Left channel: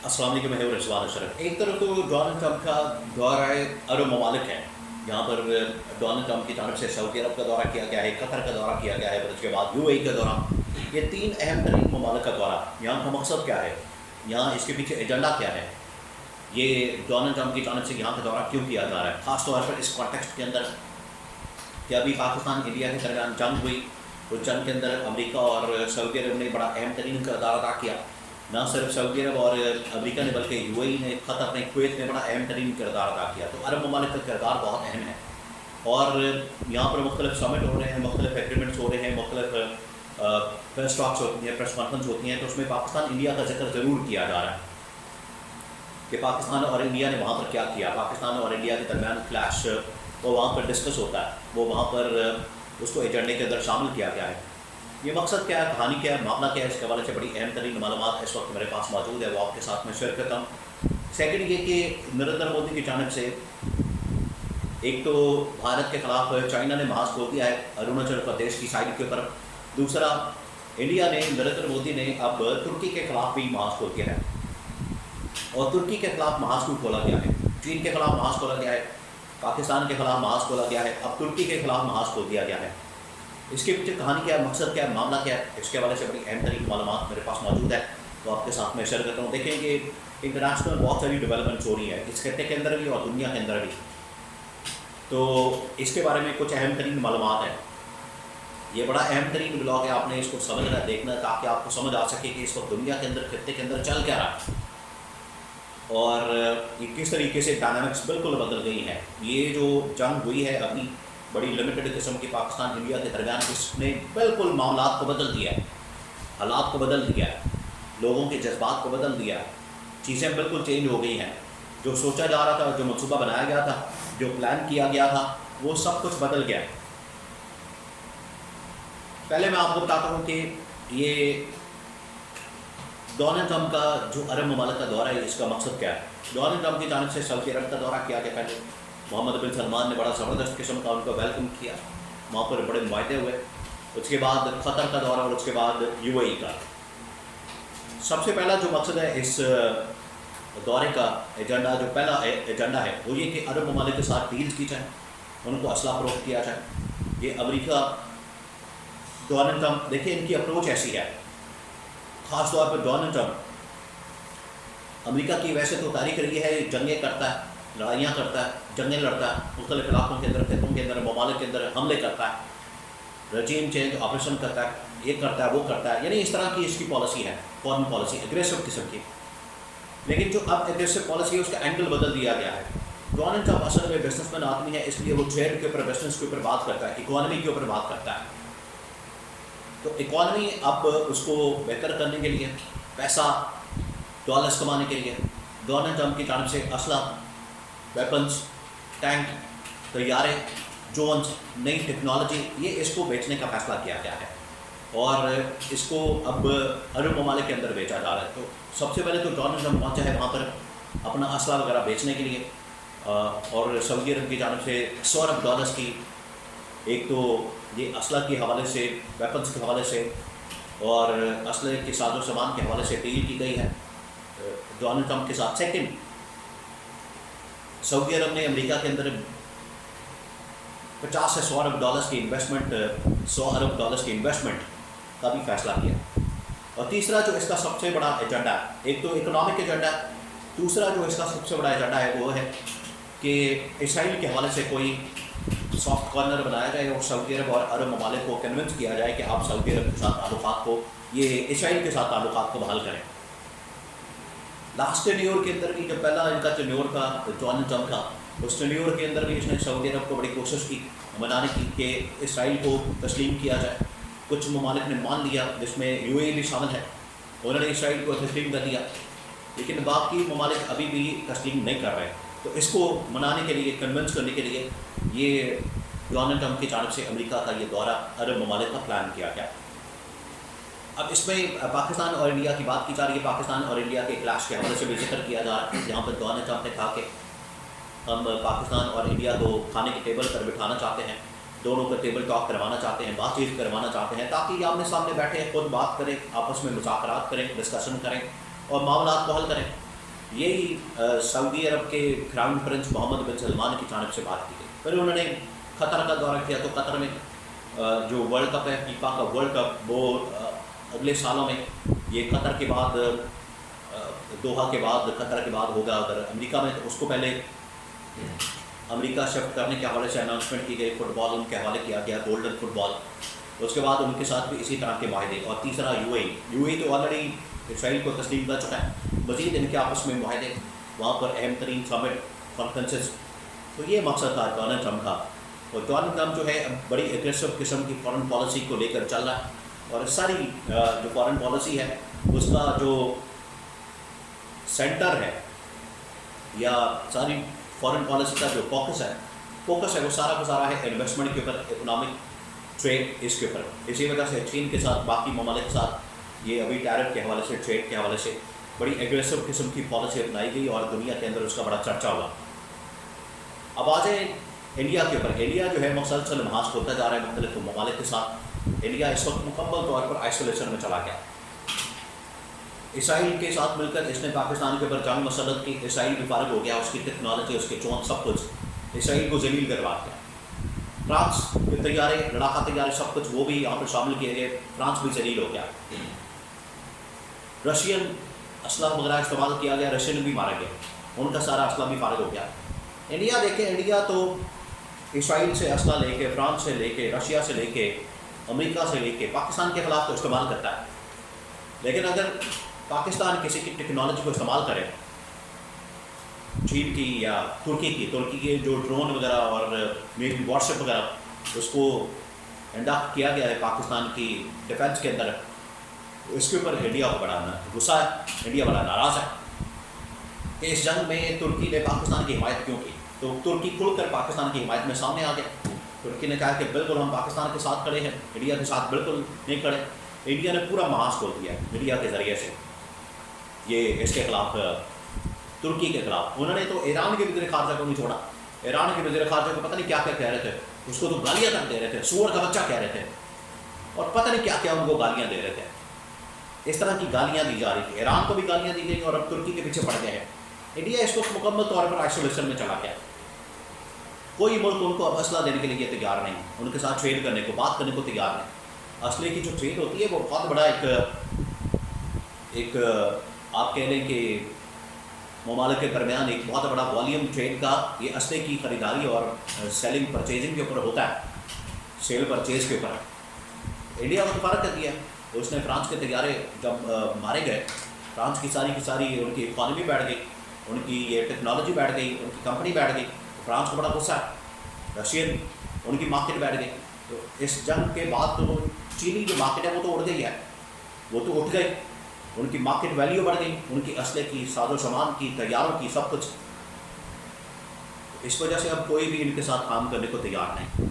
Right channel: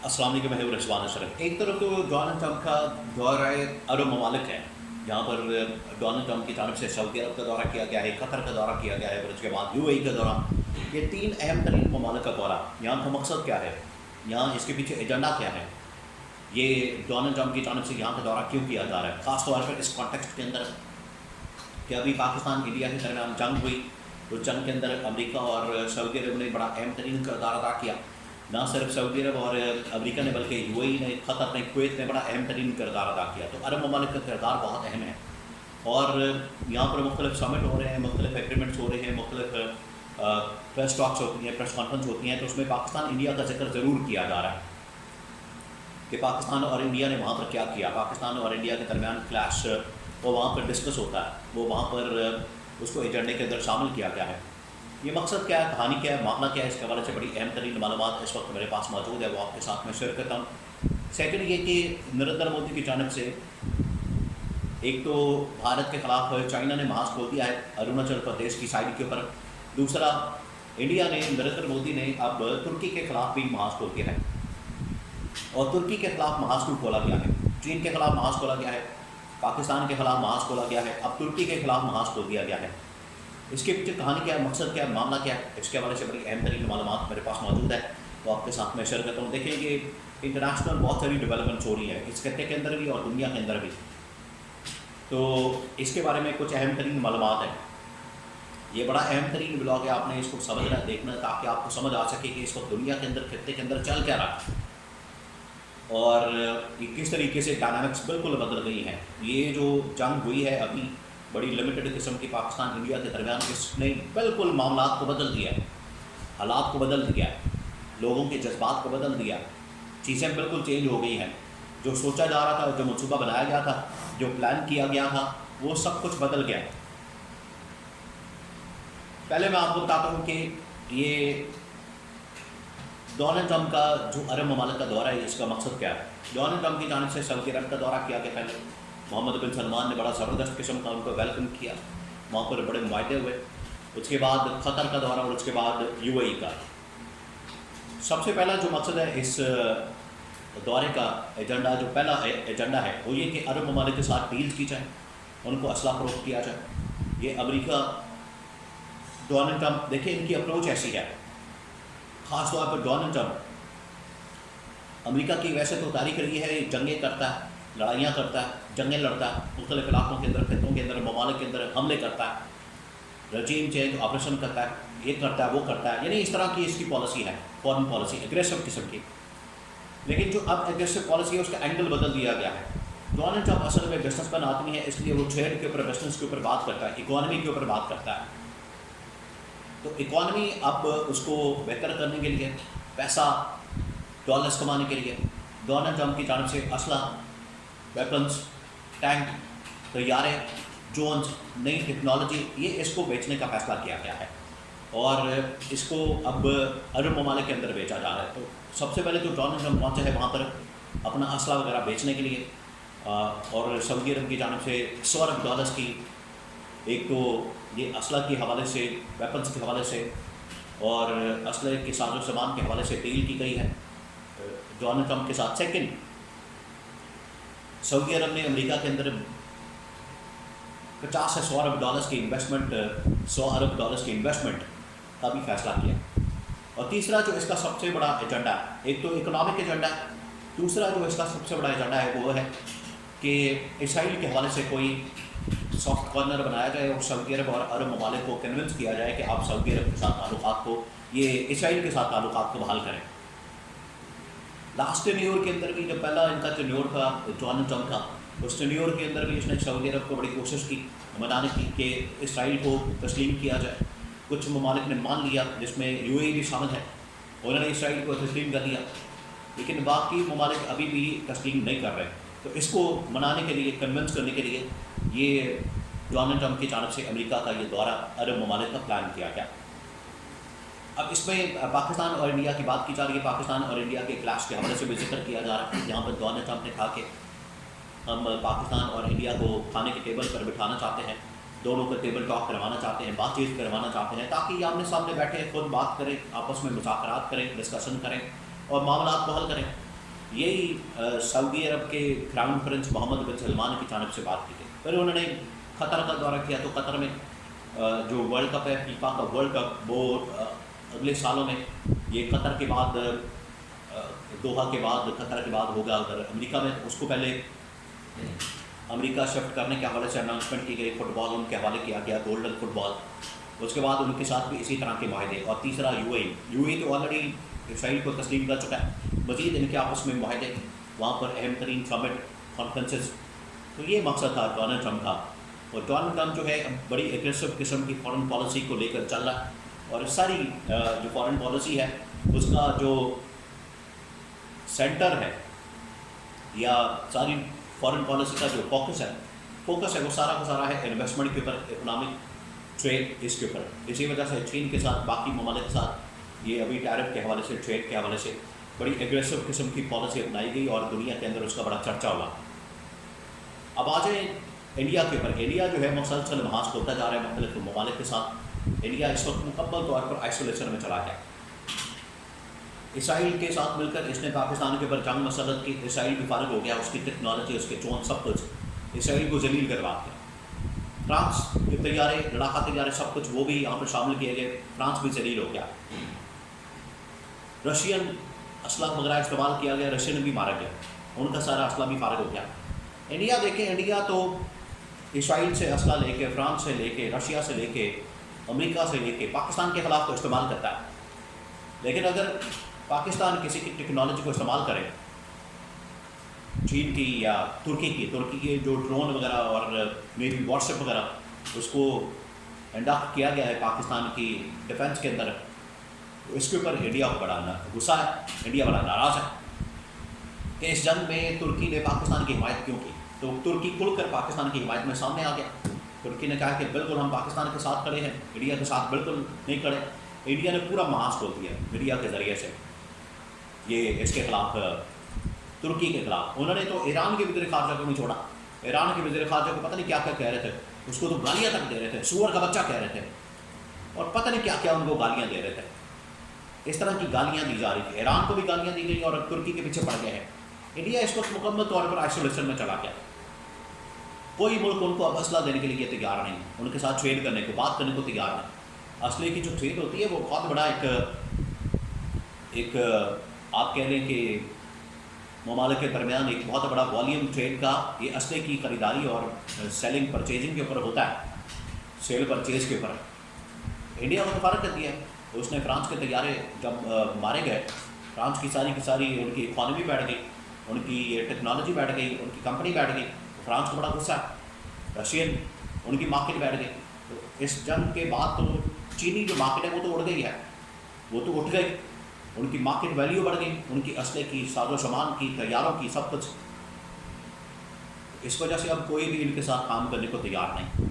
अस्सलाम वालेकुम, मैं हूं रिजवान अशरफ। एक तरफ तो डोनाल्ड ट्रंप का दौरा अरब ममालिक है, जहाँ पर डोनाल्ड ट्रंप की जानब से सऊदी अरब का दौरा किया गया है, कतर का दौरा किया गया है, फिर उसके बाद यूएई का दौरा। ये तीन अहम तरीन ममालिक का दौरा, यहाँ का मकसद क्या है, यहाँ इसके पीछे एजेंडा क्या है, ये डोनाल्ड ट्रंप की जानब से यहाँ का दौरा क्यों किया जा रहा है, ख़ास तौर पर इस कॉन्टेक्स्ट के अंदर कि अभी पाकिस्तान इंडिया के दरमियान जंग हुई। उस जंग के अंदर अमेरिका और सऊदी अरब ने बड़ा अहम तरीन किरदार अदा किया। ना सिर्फ सऊदी अरब और अमेरिका ने बल्कि यूएई ने, क़तर ने, कुवैत ने बड़ा अहम तरीन किरदार अदा किया। तो अरब ममालिक का किरदार बहुत अहम है और यहाँ पर मुख्तलिफ समिट हो रहे हैं, मुख्तलिफ एग्रीमेंट्स हो रहे हैं, मुख्तलिफ प्रेस टॉक्स होती हैं, प्रेस कॉन्फ्रेंस होती हैं। तो उसमें पाकिस्तान इंडिया का जिक्र ज़रूर किया जा रहा है कि पाकिस्तान और इंडिया ने वहाँ पर क्या किया। पाकिस्तान और इंडिया के दरमियान क्लैश वो वहाँ पर डिस्कस होता है, वो वहाँ पर उसको एजेंडे के अंदर शामिल किया गया है। ये मकसद क्या है, कहानी क्या है, मामला क्या है, इसके हवाले से बड़ी अहम तरीन मालूमात इस वक्त मेरे पास मौजूद है, वो आपके साथ में शेयर करता हूँ। सेकंड ये कि नरेंद्र मोदी की जानब से एक तो भारत के ख़िलाफ़ चाइना ने महाज खोल दिया है अरुणाचल प्रदेश की साइड के ऊपर। दूसरा, इंडिया ने, नरेंद्र मोदी ने अब तुर्की के ख़िलाफ़ भी महाज खोल दिया है। और तुर्की के ख़िलाफ़ महाज क्यों खोला गया है? चीन के ख़िलाफ़ महाज खोला गया है, पाकिस्तान के ख़िलाफ़ महाज खोला गया है, अब तुर्की के ख़िलाफ़ महाज खोल दिया गया है। इसके पीछे कहानी क्या है, मकसद क्या है, मामला क्या है, इसके हवाले से बड़ी अहम तरीन मालूमात मेरे पास मौजूद है, तो आपके साथ मैं शेयर करता हूँ। देखें कि इंटरनेशनल बहुत सारी डेवलपमेंट्स हो रही है इस खत्ते के अंदर भी और दुनिया के अंदर भी, तो इसके बारे में कुछ अहम तरीन मालूमात हैं। ये बड़ा अहम तरीन ब्लॉग है, आपने इसको समझना, देखना, ताकि आपको समझ आ सके कि इस वक्त दुनिया के अंदर, खत्ते के अंदर चल क्या रहा है और ये किस तरीके से डायनामिक्स बिल्कुल बदल गई हैं। ये जो जंग हुई है अभी, बड़ी लिमिटेड किस्म की पाकिस्तान इंडिया के दरमियान, इसने बिल्कुल मामलात को बदल दिया है, हालात को बदल दिया है, लोगों के जज्बात को बदल दिया है। चीज़ें बिल्कुल चेंज हो गई हैं। जो सोचा जा रहा था, जो मनसूबा बनाया गया था, जो प्लान किया गया था, वो सब कुछ बदल गया। पहले मैं आपको बताता हूँ कि ये डोनाल्ड ट्रंप का जो अरब ममालिक का दौरा है, इसका मकसद क्या है। डोनाल्ड ट्रंप की जानिब से सऊदी अरब का दौरा किया गया। पहले मोहम्मद बिन सलमान ने बड़ा ज़बरदस्त किस्म का उनको वेलकम किया, वहाँ पर बड़े मुआहदे हुए। उसके बाद क़तर का दौरा और उसके बाद यूएई का। सबसे पहला जो मकसद है इस दौरे का, एजेंडा, जो पहला एजेंडा है वो ये कि अरब ममालिक के साथ डील की जाए, उनको असला फ़रोख्त किया जाए। ये अमेरिका, डोनाल्ड ट्रंप, देखिए इनकी अप्रोच ऐसी है, ख़ास तौर पर डोनाल्ड ट्रंप अमेरिका की वैसे तो तारीख रही है, जंगें करता है, लड़ाइयाँ करता है, जंगें लड़ता है, मुख्तलिफ इलाकों के अंदर, खित्तों के अंदर, ममालिक के अंदर हमले करता है, रजीम चेंज ऑपरेशन करता है, ये करता है, वो करता है, यानी इस तरह की इसकी पॉलिसी है, फॉरेन पॉलिसी, एग्रेसिव किस्म की। लेकिन जो अब एग्रेसिव पॉलिसी है उसका एंगल बदल दिया गया है। डोनाल्ड ट्रंप असल में बिजनेसमैन आदमी है, इसलिए वो ट्रेड के ऊपर, बिजनेस के ऊपर बात करता है, इकॉनमी के ऊपर बात करता है। तो इकॉनमी अब उसको बेहतर करने के लिए, पैसा, डॉलर्स कमाने के लिए डोनाल्ड ट्रंप की जानब से असला, वेपन्स, टैंक, तैयारे, ड्रोन्स, नई टेक्नोलॉजी, ये इसको बेचने का फ़ैसला किया गया है और इसको अब अरब ममालिक के अंदर बेचा जा रहा है। तो सबसे पहले तो डोनाल्ड ट्रंप पहुँचा है वहाँ पर अपना असला वगैरह बेचने के लिए और सऊदी अरब की जानब से $100 अरब की, एक तो ये असला के हवाले से, वेपन्स के हवाले से और असले के साजो सामान के हवाले से डील की गई है डोनाल्ड ट्रंप के साथ। सेकंड, सऊदी अरब ने अमेरिका के अंदर 50 से $100 अरब की इन्वेस्टमेंट, $100 अरब की इन्वेस्टमेंट का भी फ़ैसला किया। और तीसरा जो इसका सबसे बड़ा एजेंडा है, एक तो इकोनॉमिक एजेंडा है, दूसरा जो इसका सबसे बड़ा एजेंडा है वो है कि इसराइल के हवाले से कोई सॉफ्ट कॉर्नर बनाया जाए और सऊदी अरब और अरब ममालिक को कन्विंस किया जाए कि आप सऊदी अरब के साथ ताल्लुकात को, ये इसराइल के साथ ताल्लुकात को बहाल करें। लास्ट टेन्योर के अंदर भी, जब पहला इनका टेन्योर था डोनाल्ड ट्रंप का, उस टेन्योर के अंदर भी इसने सऊदी अरब को बड़ी कोशिश की मनाने की कि इसराइल को तस्लीम किया जाए। कुछ ममालिक ने मान लिया, जिसमें यूएई भी शामिल है, उन्होंने इसराइल को तस्लीम कर दिया, लेकिन बाकी ममालिक अभी भी तस्लीम नहीं कर रहे। तो इसको मनाने के लिए, कन्विंस करने के लिए ये डोनाल्ड ट्रंप की जानब से अमेरिका का ये दौरा अरब ममालिक का प्लान किया गया। अब इसमें पाकिस्तान और इंडिया की बात की जा रही है। पाकिस्तान और इंडिया के क्लैश के हवाले से भी जिक्र किया जा रहा है, जहाँ पर डोनाल्ड ट्रंप ने कहा कि हम पाकिस्तान और इंडिया को खाने के टेबल पर बिठाना चाहते हैं, दोनों को टेबल टॉक करवाना चाहते हैं, बातचीत करवाना चाहते हैं, ताकि ये आमने सामने बैठे खुद बात करें, आपस में मुज़ाकरात करें, डिस्कशन करें और मामलात को हल करें। یہی سعودی عرب کے کراؤن پرنس محمد بن سلمان کی جانب سے بات کی گئی. پھر انہوں نے قطر کا دورہ کیا. تو قطر میں جو ورلڈ کپ ہے فیفا کا ورلڈ کپ وہ اگلے سالوں میں یہ قطر کے بعد دوحہ کے بعد قطر کے بعد ہوگا ادھر امریکہ میں. تو اس کو پہلے امریکہ شفٹ کرنے کے حوالے سے اناؤنسمنٹ کی گئی, فٹ بال ان کے حوالے کیا گیا, گولڈن فٹ بال. اس کے بعد ان کے ساتھ بھی اسی طرح کے معاہدے. اور تیسرا یو اے تو آلریڈی اسرائیل کو تسلیم کر چکا ہے. مزید ان کے آپس میں معاہدے, وہاں پر اہم ترین سمٹ کانفرنسز. تو یہ مقصد تھا ڈونلڈ ٹرمپ کا. اور ڈونلڈ ٹرمپ جو ہے بڑی ایگریسو قسم کی فارن پالیسی کو لے کر چل رہا ہے. اور ساری جو فارن پالیسی ہے اس کا جو سینٹر ہے یا ساری فارن پالیسی کا جو فوکس ہے وہ سارا کا سارا ہے انویسٹمنٹ کے اوپر, اکنامک ٹریڈ اس کے اوپر. اسی وجہ سے چین کے ساتھ باقی ممالک کے ساتھ یہ ابھی ٹیرف کے حوالے سے, ٹریڈ کے حوالے سے بڑی ایگریسو قسم کی پالیسی اپنائی گئی اور دنیا کے اندر اس کا بڑا چرچا ہوا. اب آ جائیں انڈیا کے اوپر. انڈیا جو ہے مسلسل محاذ کھولتا جا رہا ہے مختلف ممالک کے ساتھ. انڈیا اس وقت مکمل طور پر آئسولیشن میں چلا گیا. اسرائیل کے ساتھ مل کر اس نے پاکستان کے اوپر جنگ مسلط کی. اسرائیل بھی فارغ ہو گیا, اس کی ٹیکنالوجی, اس کے ڈرون, سب کچھ اسرائیل کو ذلیل کروا دیا. فرانس کے طیارے, لڑاکا طیارے, سب کچھ وہ بھی یہاں پر شامل کیے گئے. فرانس بھی ذلیل ہو گیا. رشین اسلحہ وغیرہ استعمال کیا گیا, رشین بھی مارا گیا, ان کا سارا اسلحہ بھی فارغ ہو گیا. انڈیا دیکھیں, انڈیا تو اسرائیل سے اسلحہ لے کے, فرانس سے لے کے, رشیا سے لے کے, امریکہ سے لے کے پاکستان کے خلاف تو استعمال کرتا ہے. لیکن اگر پاکستان کسی کی ٹیکنالوجی کو استعمال کرے, چین کی یا ترکی کے جو ڈرون وغیرہ اور نیوی واٹس ایپ وغیرہ اس کو انڈکٹ کیا گیا ہے پاکستان کی ڈیفنس کے اندر, اس کے اوپر انڈیا کو بڑا غصہ ہے, انڈیا بڑا ناراض ہے کہ اس جنگ میں ترکی نے پاکستان کی حمایت کیوں کی. تو ترکی کھل کر پاکستان کی حمایت میں سامنے آ گیا. ترکی نے کہا کہ بالکل ہم پاکستان کے ساتھ کھڑے ہیں, انڈیا کے ساتھ بالکل نہیں کھڑے. انڈیا نے پورا محاذ کھول دیا میڈیا کے ذریعے سے یہ اس کے خلاف, ترکی کے خلاف. انہوں نے تو ایران کے وزیر خارجہ کو نہیں چھوڑا. ایران کے وزیر خارجہ کو پتہ نہیں کیا کیا کہہ رہے تھے, اس کو تو گالیاں تک دے رہے تھے, سور کا بچہ کہہ رہے تھے, اور پتہ نہیں کیا کیا ان کو گالیاں دے رہے تھے. اس طرح کی گالیاں دی جا رہی تھی. ایران کو بھی گالیاں دی گئی اور اب ترکی کے پیچھے پڑ گئے ہیں. انڈیا اس وقت مکمل طور پر آئسولیشن میں چلا گیا. کوئی ملک ان کو اب اسلحہ دینے کے لیے تیار نہیں, ان کے ساتھ ٹریڈ کرنے کو, بات کرنے کو تیار نہیں. اسلحے کی جو ٹریڈ ہوتی ہے وہ بہت بڑا ایک آپ کہہ لیں کہ ممالک کے درمیان ایک بہت بڑا والیوم ٹریڈ کا یہ اسلحے کی خریداری اور سیلنگ پرچیزنگ کے اوپر ہوتا ہے, سیل پرچیز کے اوپر. انڈیا کو تو فرق کر دیا. اس نے فرانس کے طیارے جب مارے گئے, فرانس کی ساری ان کی اکانومی بیٹھ گئی, ان کی یہ ٹیکنالوجی بیٹھ گئی, ان کی کمپنی بیٹھ گئی. تو فرانس کو بڑا غصہ ہے. رشین ان کی مارکیٹ بیٹھ گئی. تو اس جنگ کے بعد تو چینی جو مارکیٹ ہے وہ تو اڑ گئی ہے, وہ تو اٹھ گئی. ان کی مارکیٹ ویلیو بڑھ گئی, ان کی اسلحے کی, ساز و سامان کی, طیاروں کی, سب کچھ. اس وجہ سے اب کوئی بھی ان کے ساتھ کام کرنے کو تیار نہیں.